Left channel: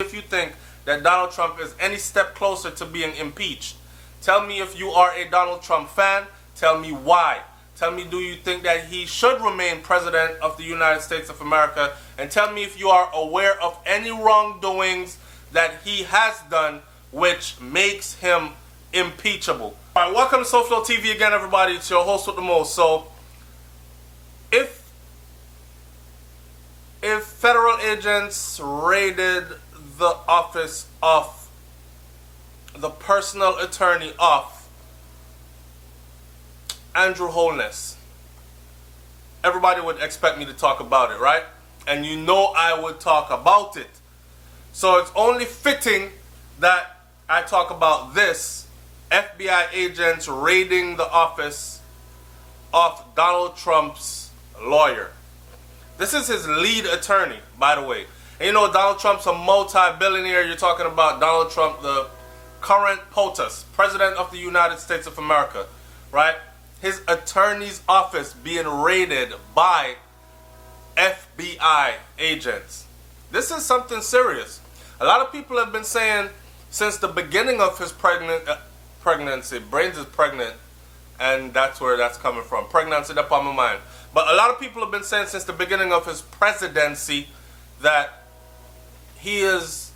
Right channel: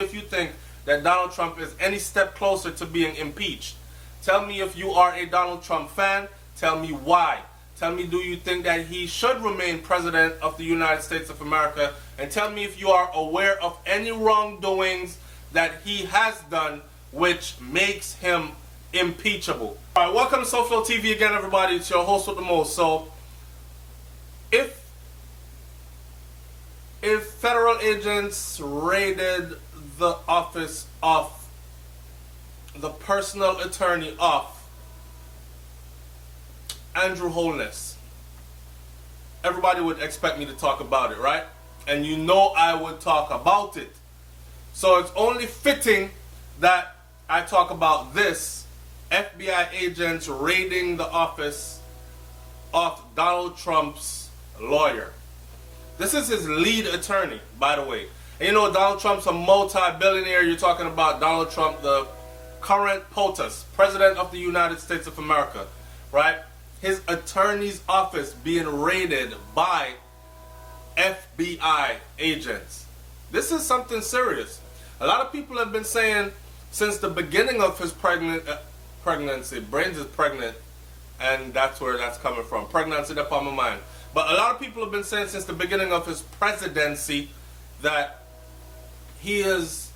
if you think that Donald Trump is any step closer to being impeached. Tell me if you are a Donald Trump fan. Tell me why. Tell me, do you think that he should remain president of the United States of America? And tell me if you are aware of any wrongdoings that he has done which makes him impeachable. All right, welcome to SouFLoTV again, everybody. It's your host with the most. So, if federal agents raided the office of the personal attorney of Andrew Holness, everybody would expect me to talk about it, right? And you know I would talk about it. So it's only fitting that I talk about this: FBI agents raiding the office of Donald Trump's lawyer. This is his lead attorney, by the way. And you know, Donald Trump's a multi-billionaire. You're talking about Donald Trump, the current POTUS, President of the United States of America, right? His attorney's office being raided by FBI agents. This is something serious. A lot of people have been saying since the beginning of his pregnancy, Brains is pregnant, and that's where that's coming from. Pregnancy, that's on my mind. But a lot of people have been saying since the beginning of his presidency that he is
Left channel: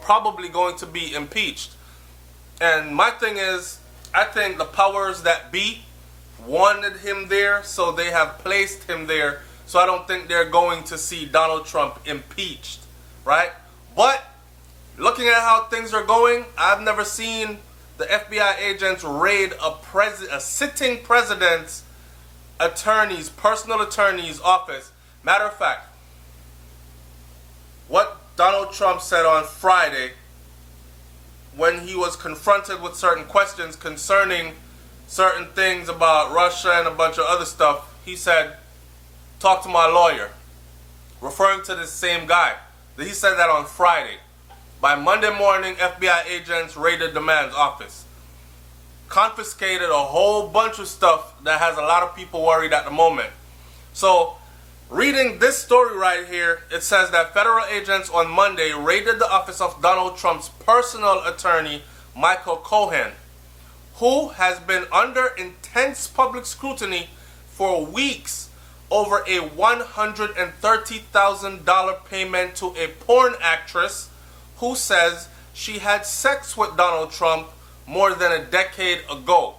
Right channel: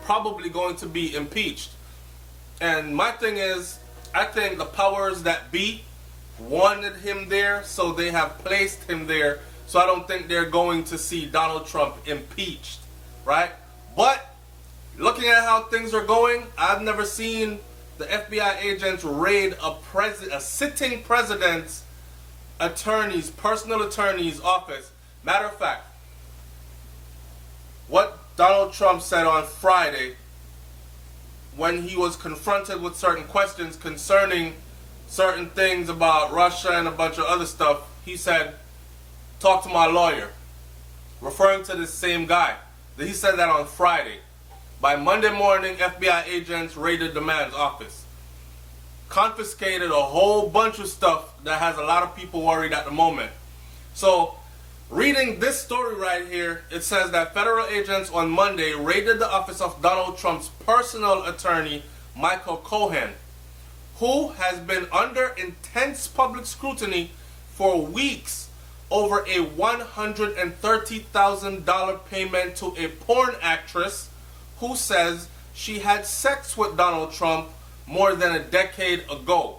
probably going to be impeached. And my thing is, I think the powers that be wanted him there, so they have placed him there. So I don't think they're going to see Donald Trump impeached, right? But looking at how things are going, I've never seen the FBI agents raid a sitting president's personal attorney's office. Matter of fact, what Donald Trump said on Friday when he was confronted with certain questions concerning certain things about Russia and a bunch of other stuff, he said, "Talk to my lawyer," referring to this same guy. He said that on Friday. By Monday morning, FBI agents raided the man's office, confiscated a whole bunch of stuff that has a lot of people worried at the moment. So, reading this story right here, it says that federal agents on Monday raided the office of Donald Trump's personal attorney, Michael Cohen, who has been under intense public scrutiny for weeks over a $130,000 payment to a porn actress who says she had sex with Donald Trump more than a decade ago.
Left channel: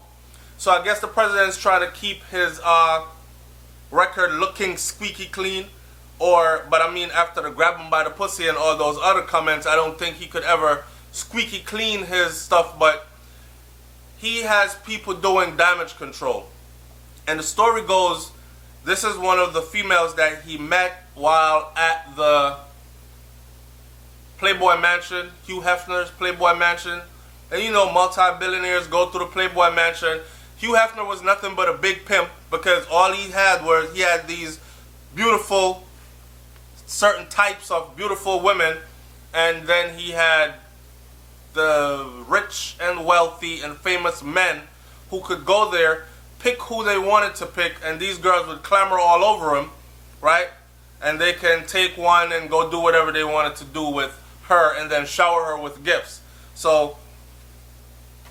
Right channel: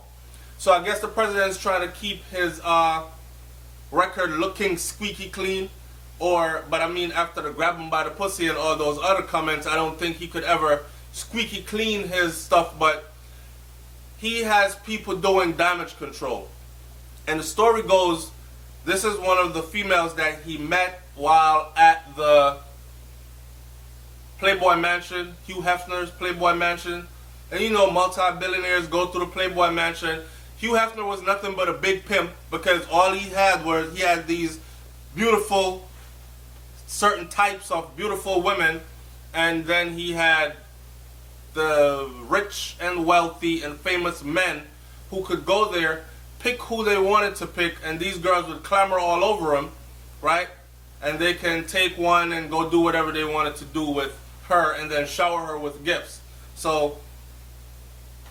So I guess the president's trying to keep his record looking squeaky clean. But I mean, after the grab him by the pussy and all those other comments, I don't think he could ever squeaky clean his stuff. But he has people doing damage control. And the story goes, this is one of the females that he met while at the Playboy Mansion, Hugh Hefner's Playboy Mansion. And you know, multi-billionaires go through the Playboy Mansion. Hugh Hefner was nothing but a big pimp, because all he had these beautiful, certain types of beautiful women, and then he had the rich and wealthy and famous men who could go there, pick who they wanted to pick, and these girls would clamor all over him, right? And they can take one and go do whatever they wanted to do with her and then shower her with gifts. So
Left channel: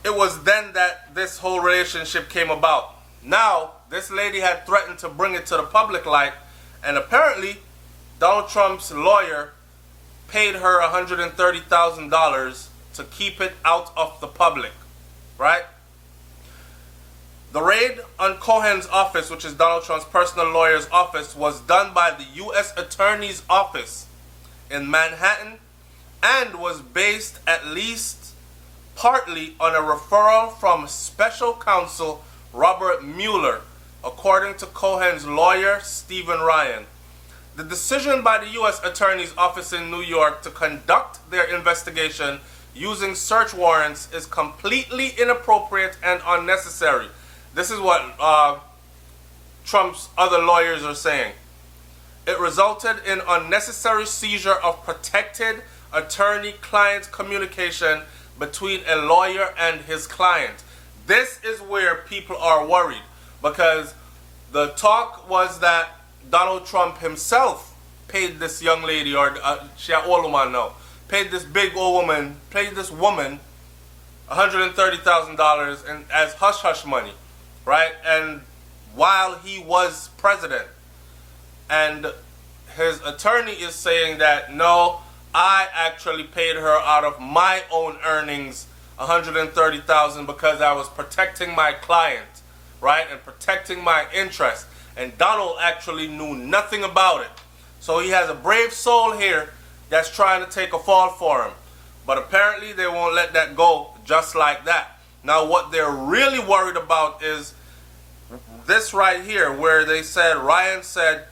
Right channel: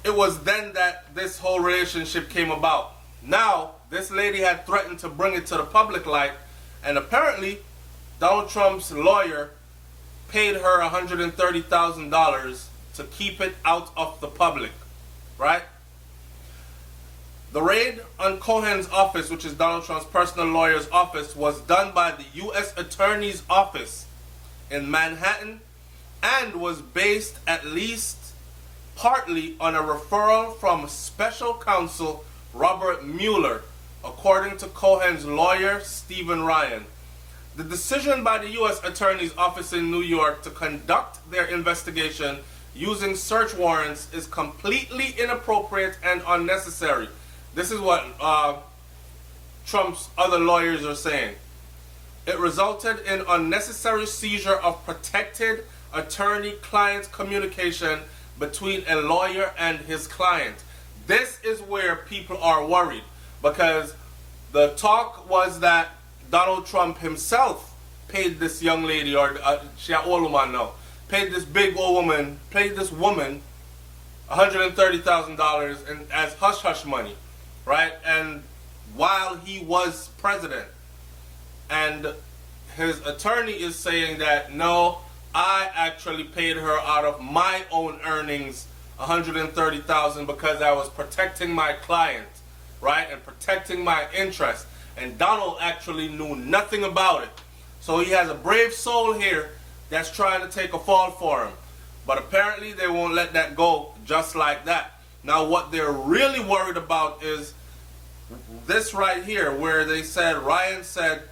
it was then that this whole relationship came about. Now, this lady had threatened to bring it to the public light, and apparently Donald Trump's lawyer paid her $130,000 to keep it out of the public, right? The raid on Cohen's office, which is Donald Trump's personal lawyer's office, was done by the U.S. Attorney's Office in Manhattan and was based at least partly on a referral from special counsel Robert Mueller, according to Cohen's lawyer, Stephen Ryan. The decision by the U.S. Attorney's Office in New York to conduct their investigation using search warrants is completely inappropriate and unnecessary. This is what Trump's other lawyers are saying. It resulted in unnecessary seizure of protected attorney-client communication between a lawyer and his client. This is where people are worried, because the talk was that Donald Trump himself paid this young lady, or she an old woman now, paid this big old woman, paid this woman $130,000 as hush hush money, right? And while he was president, and his attorney is saying that no, I actually paid her out of my own earnings $130,000 because I was protecting my client, right, and protecting my interest. And Donald actually knew nothing about it. So he has a brave soul here that's trying to take a fall for him. But apparently they won't let that go just like that. Now what they're really worried about is this right here, where they said, Ryan said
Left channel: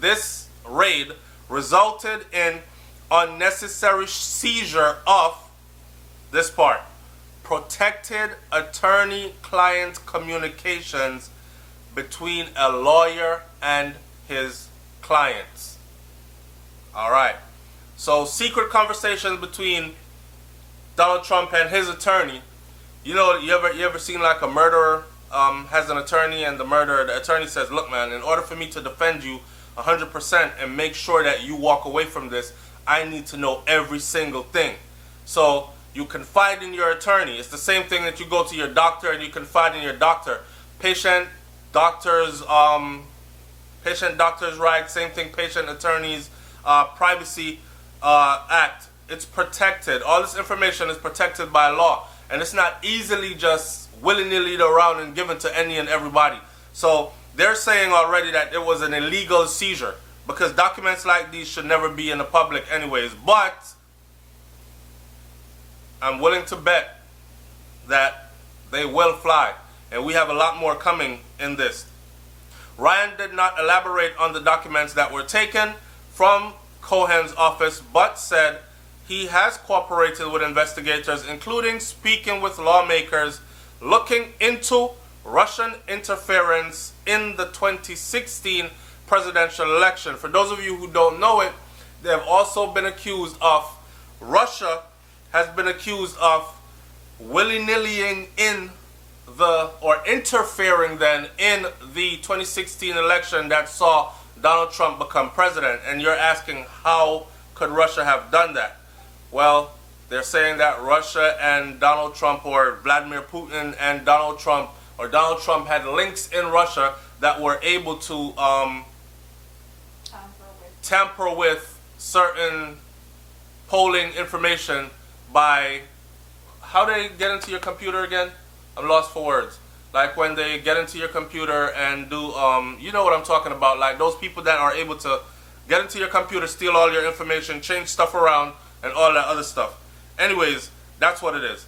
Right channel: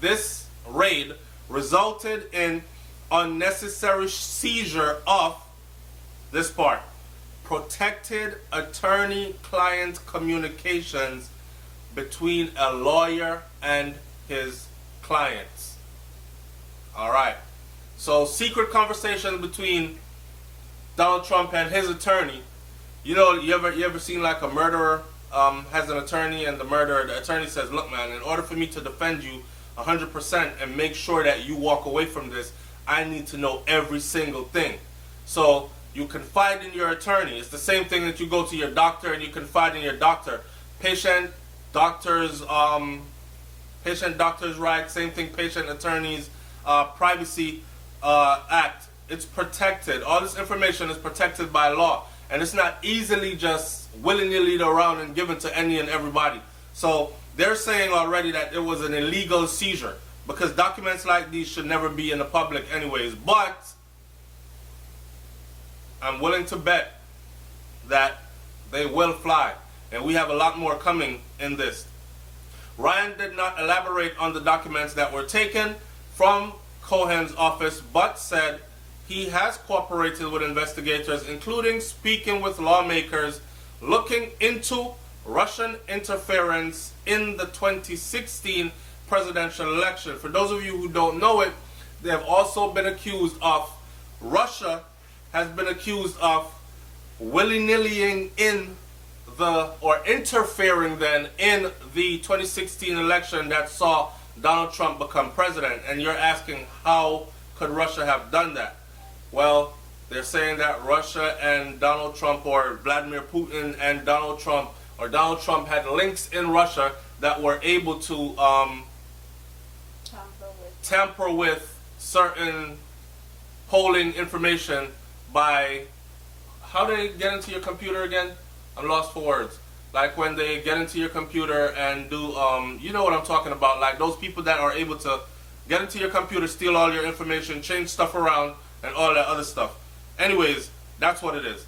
this raid resulted in unnecessary seizure of this part, protected attorney-client communications between a lawyer and his clients. All right. So secret conversations between Donald Trump and his attorney. You know, you ever seen like a murderer has an attorney, and the attorney says, look man, in order for me to defend you 100% and make sure that you walk away from this, I need to know every single thing. So you confide in your attorney. It's the same thing that you go to your doctor and you confide in your doctor. Patient doctors right, same thing, patient attorneys privacy act. It's protected. All this information is protected by law, and it's not easily just willy-nilly around and given to any and everybody. So they're saying already that it was an illegal seizure, because documents like these should never be in the public anyways. But I'm willing to bet that they will fly, and we have a lot more coming in this. Ryan did not elaborate on the documents that were taken from Cohen's office, but said he has cooperated with investigators, including speaking with lawmakers looking into Russian interference in the 2016 presidential election. For those of you who don't know it, they have also been accused of, Russia has been accused of willy-nillying in or interfering then in the 2016 election that saw Donald Trump become president. And you're asking, how could Russia have done that? Well, they're saying that Russia and Donald Trump, or Vladimir Putin and Donald Trump, or Donald Trump had links in Russia that were able to tamper with certain polling information by, how do they get into your computer again? I'm lost for words. Like when they get into your computer and do, you know what I'm talking about, like those people that are able to get into your computer, steal all your information, change stuff around, and all that other stuff. Anyways, that's what it is.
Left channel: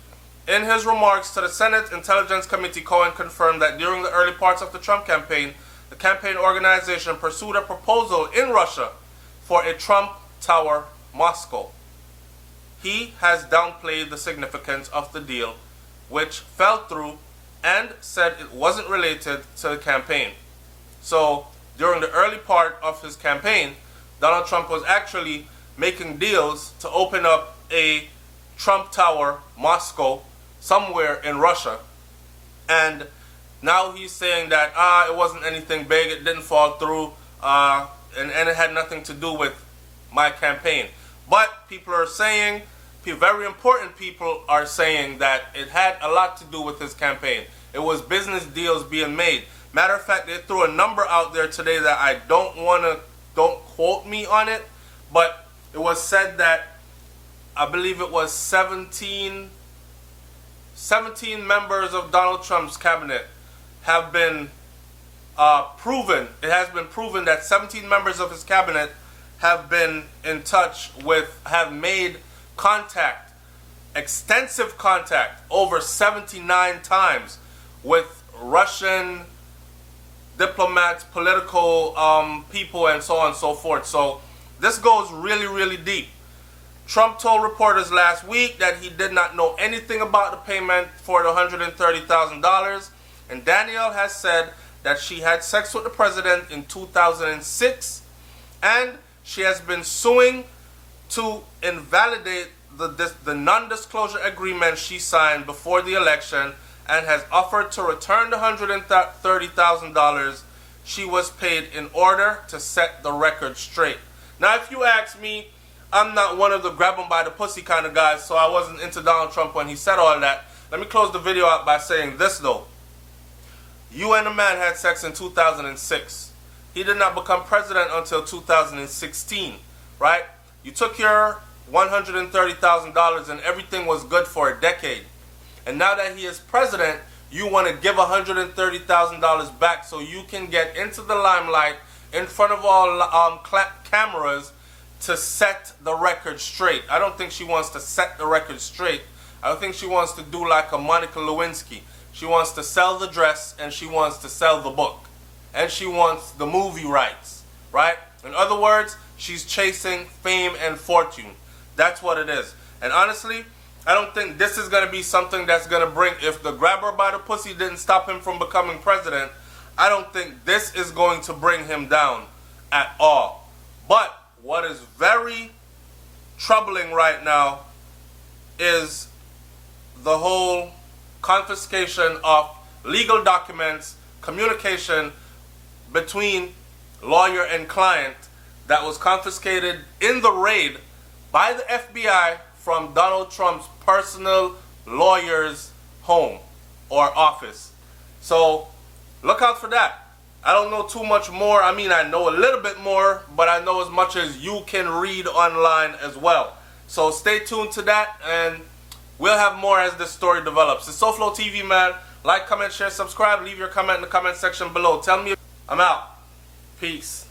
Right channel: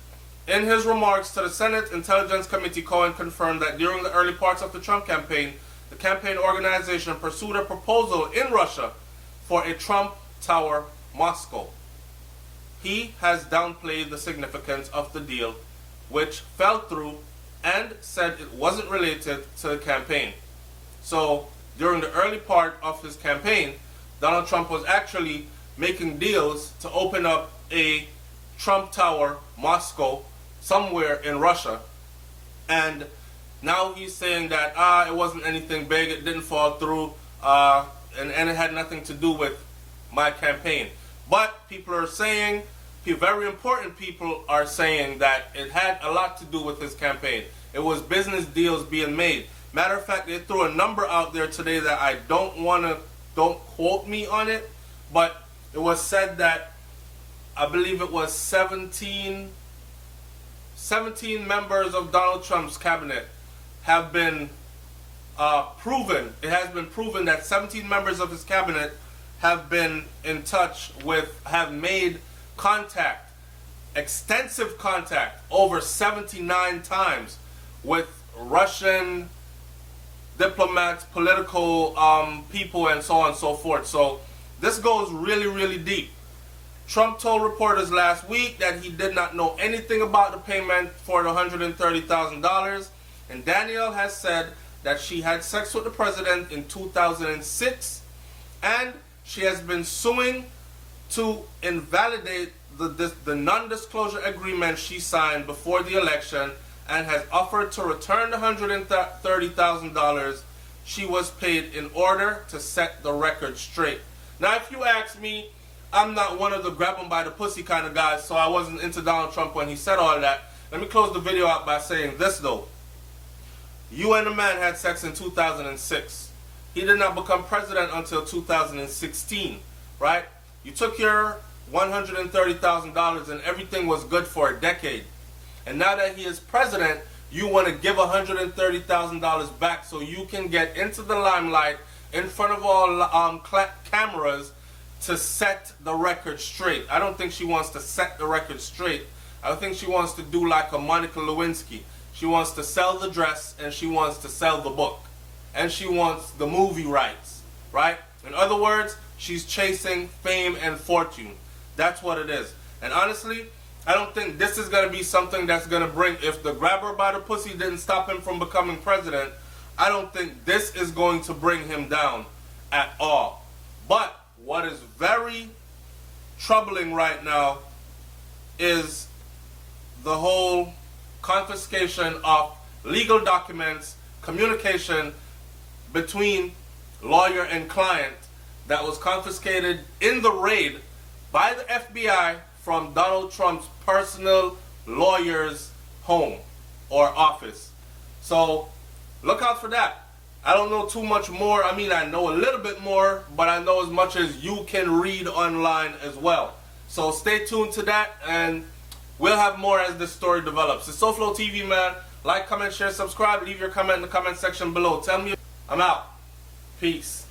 In his remarks to the Senate Intelligence Committee, Cohen confirmed that during the early parts of the Trump campaign, the campaign organization pursued a proposal in Russia for a Trump Tower Moscow. He has downplayed the significance of the deal, which fell through, and said it wasn't related to the campaign. So during the early part of his campaign, Donald Trump was actually making deals to open up a Trump Tower Moscow somewhere in Russia. And now he's saying that it wasn't anything big, it didn't fall through, and it had nothing to do with my campaign. But people are saying, very important people are saying that it had a lot to do with his campaign. It was business deals being made. Matter of fact, they threw a number out there today that I don't quote me on it, but it was said that I believe it was 17 members of Donald Trump's cabinet have been proven. It has been proven that 17 members of his cabinet have been in touch with, have made contact, extensive contact, over 79 times with Russian diplomats, political people, and so on and so forth. So this goes really, really deep. Trump told reporters last week that he did not know anything about the payment for the $130,000, and Danielle has said that she had sex with the president in 2006, and she has been suing to invalidate the non-disclosure agreement she signed before the election, and has offered to return the $130,000 she was paid in order to set the record straight. Now, if you ask me, I'm not one of the grab him by the pussy kind of guys, so I wasn't into Donald Trump when he said all that. Let me close the video out by saying this, though. You and the man had sex in 2006. He did not become president until 2016, right? You took your $130,000 and everything was good for a decade. And now that he is president, you want to give $130,000 back so you can get into the limelight in front of all cameras to set the record straight. I don't think she wants to set the record straight. I think she wants to do like a Monica Lewinsky. She wants to sell the dress and she wants to sell the book. And she wants the movie rights, right? In other words, she's chasing fame and fortune. That's what it is. And honestly, I don't think this is going to be something that's going to bring, if the grabber by the pussy didn't stop him from becoming president, I don't think this is going to bring him down at all. But what is very troubling right now is the whole confiscation of legal documents, communication between lawyer and client that was confiscated in the raid by the FBI from Donald Trump's personal lawyer's home or office. So look out for that. I don't know too much more. I mean, I know a little bit more, but I know as much as you can read online as well. So stay tuned to that, and we'll have more as this story develops. It's SouFLoTV, man. Like, comment, share, subscribe. Leave your comment in the comment section below. Tell me. I'm out. Peace.